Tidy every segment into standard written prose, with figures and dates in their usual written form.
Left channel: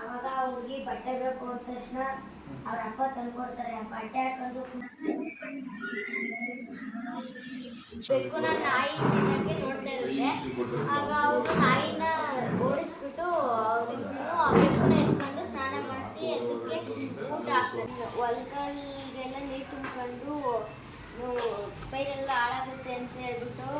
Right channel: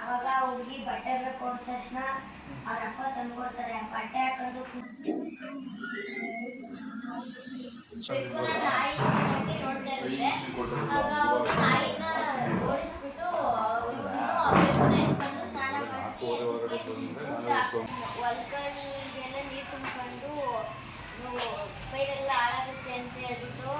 ಅವಾಗ ಹುಡುಗಿ ಬಟ್ಟೆ ಬೇಕು ಅಂದ ತಕ್ಷಣ ಅವ್ರ ಅಪ್ಪ ತಂದ್ಕೊಡ್ತಾರೆ. ಬಟ್ಟೆ ಹಾಕೊಂಡು ಬೆಕ್ಕುನ ನಾಯಿ ನೋಡ್ತಾ ಇರುತ್ತೆ. ಆಗ ಅವರು ನಾಯಿನ ಓಡಿಸ್ಬಿಟ್ಟು ಆ ಬೆಕ್ಕುನ ಎತ್ಕೊಂಡು ಸ್ನಾನ ಮಾಡಿಸಿ ಅದಕ್ಕೆ ಊಟ ಹಾಕ್ತಾರೆ. ಹೊಲ್ಗಳಿಗೆಲ್ಲ ನೀರು ತುಂಬಿಕೊಂಡು ಕೈಗೆಲ್ಲ ಹಾಳಾಗುತ್ತೆ ಅಂತ ಹೇಳ್ಬಿಟ್ಟು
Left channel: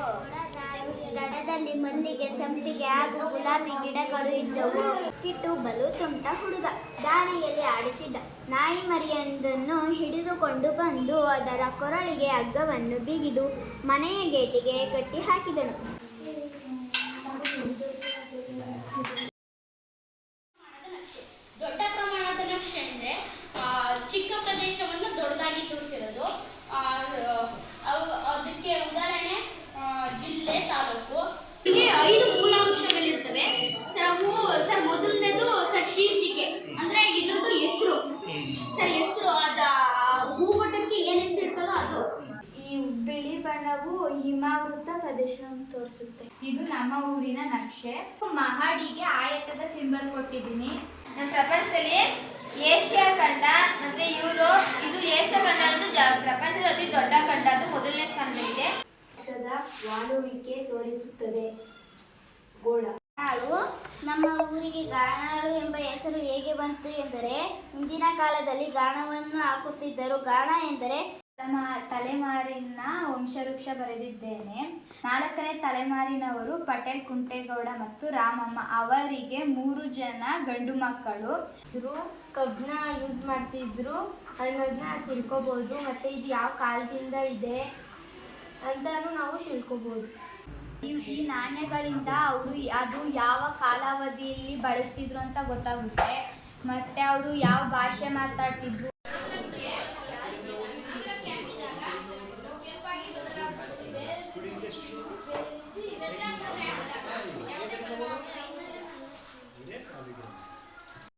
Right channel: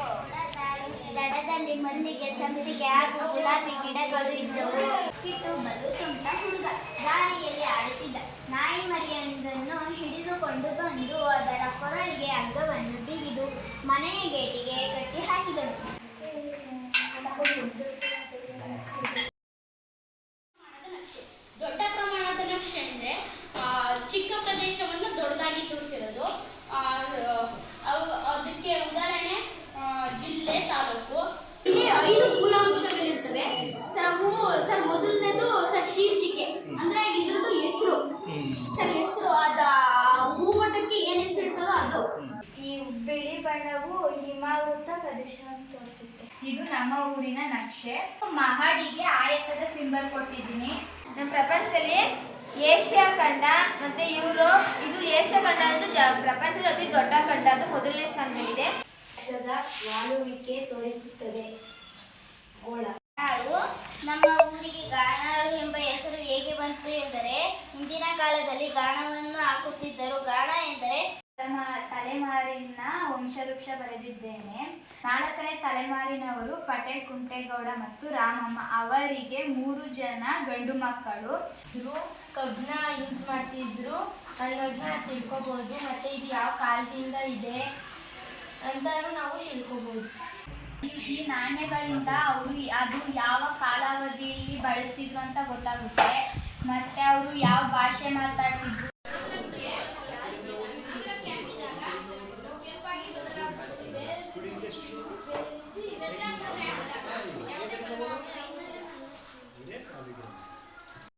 ದಡದಲ್ಲಿ ಮಲ್ಲಿಗೆ, ಸಂಪಿಗೆ ಹಾಗೂ ಗುಲಾಬಿ ಗಿಡಗಳು ಇದ್ದವು. ಕಿಟ್ಟು ಬಲು ತುಂಟ ಹುಡುಗ ದಾರಿಯಲ್ಲಿ ಆಡುತ್ತಿದ್ದ. ನಾಯಿ ಮರಿಯೊಂದನ್ನು ಹಿಡಿದುಕೊಂಡು ಬಂದು ಅದರ ಕೊರಳಿಗೆ ಹಗ್ಗವನ್ನು ಬಿಗಿದು ಮನೆಯ ಗೇಟಿಗೆ ಕಟ್ಟಿ ಹಾಕಿದನು. ದೊಡ್ಡ ಪ್ರಮಾಣದ ನಕ್ಷೆ ಅಂದರೆ ಚಿಕ್ಕ ಪ್ರದೇಶವನ್ನು ದೊಡ್ಡದಾಗಿ ತೋರಿಸಿರೋದು. ಅದಕ್ಕೆ ಉದಾಹರಣೆ ಜಿಲ್ಲೆ, ತಾಲೂಕು. ಹೀಗೆ 5 ಮೂಲಾಂಶಗಳಿರ್ತವೆ ಸರ್. ಮೊದಲನೇದು ಸರ್ ಶೀರ್ಷಿಕೆ, ಅಂದರೆ ಇದ್ರದ್ದು ಹೆಸರು ಸರ್. ಹೆಸರು ಅದ ಭೂಪಟಕ್ಕೆ ಏನು ಹೆಸರು ಇರ್ತದೋ ಅದು. ಈ ಬಿಳಿ ಬಣ್ಣವು ಹಿಮಾವೃತ ಪ್ರದೇಶವನ್ನು ತೋರಿಸುತ್ತೆ. ಇದು ನಮ್ಮ ಊರಿನ ನಕ್ಷೆ. ಮಹಡಿಗೆ ಆಯತದ ಸಿಂಬಲ್ ಕೊಟ್ಟಿದ್ದೀನಿ. ನಮ್ಮ ಪ್ರಪಂಚದಲ್ಲಿ ಏಷ್ಯಾ ಖಂಡ ಮತ್ತು ಯುರೋಪ್, ಇದು ಏಷ್ಯಾ ಖಂಡ ಅನ್ನೋದು ಪ್ರಪಂಚದ ಅತಿ ದೊಡ್ಡ ಖಂಡ, ಅದು ಮೊದಲನೇ ಸ್ಥಾನದಲ್ಲಿದೆ. ವಾಲುವಿಕೆ ತೋರಿಸುತ್ತದೆ. ಗೋಳ ನಮ್ಮ ಊರಿಗೆ ಗಾಣಾಳು ಎಂಬ ಹೆಸರು ಹೇಗೆ ಬಂತು ಎಂದರೆ, ಹಿಂದಿನ ಕಾಲದಲ್ಲಿ ಗಾಣವನ್ನು ಹಾಕುತ್ತಿದ್ದರು. ಗಾಣ ಎಂದರೆ ತಲೆಮಾರಿನ ವಂಶವೃಕ್ಷ ಬರೆದಿದ್ದೇನೆ. 4ನೇ ತಲೆಮಾರಿನವರು ಪಟೇಲ್, ಕುಂಟೇಗೌಡ ಮತ್ತು ರಾಮಮ್ಮ. ಅವರಿಗೆ 3 ಜನ ಗಂಡು ಮಕ್ಕಳು. ಇವರು ಕಬ್ಬನ್ನ ಯೂಸ್ ಮಾಡ್ತಿದ್ರು ಅನ್ನೋದನ್ನ ತಿಳ್ಕೊಬೋದು. ಮತ್ತು ಇದು ಯಾವ ಕಾಲದಿಂದ ಇದೆ ಅಂತಲೂ ನಾವು ತಿಳ್ಕೊಬೋದು. ಈ ನಾಣ್ಯಗಳಿಂದ ಅದು ಯಾವ ಕಾಲಾವಧಿಯಲ್ಲಿ ಬಳಸ್ತಿದ್ರು ಅಂತ ಗೊತ್ತಾಗುತ್ತೆ. ಮತ್ತು ಅವರು ಯಾವ ಭಾಷೆ ಮಾತಾಡ್ತಿದ್ರು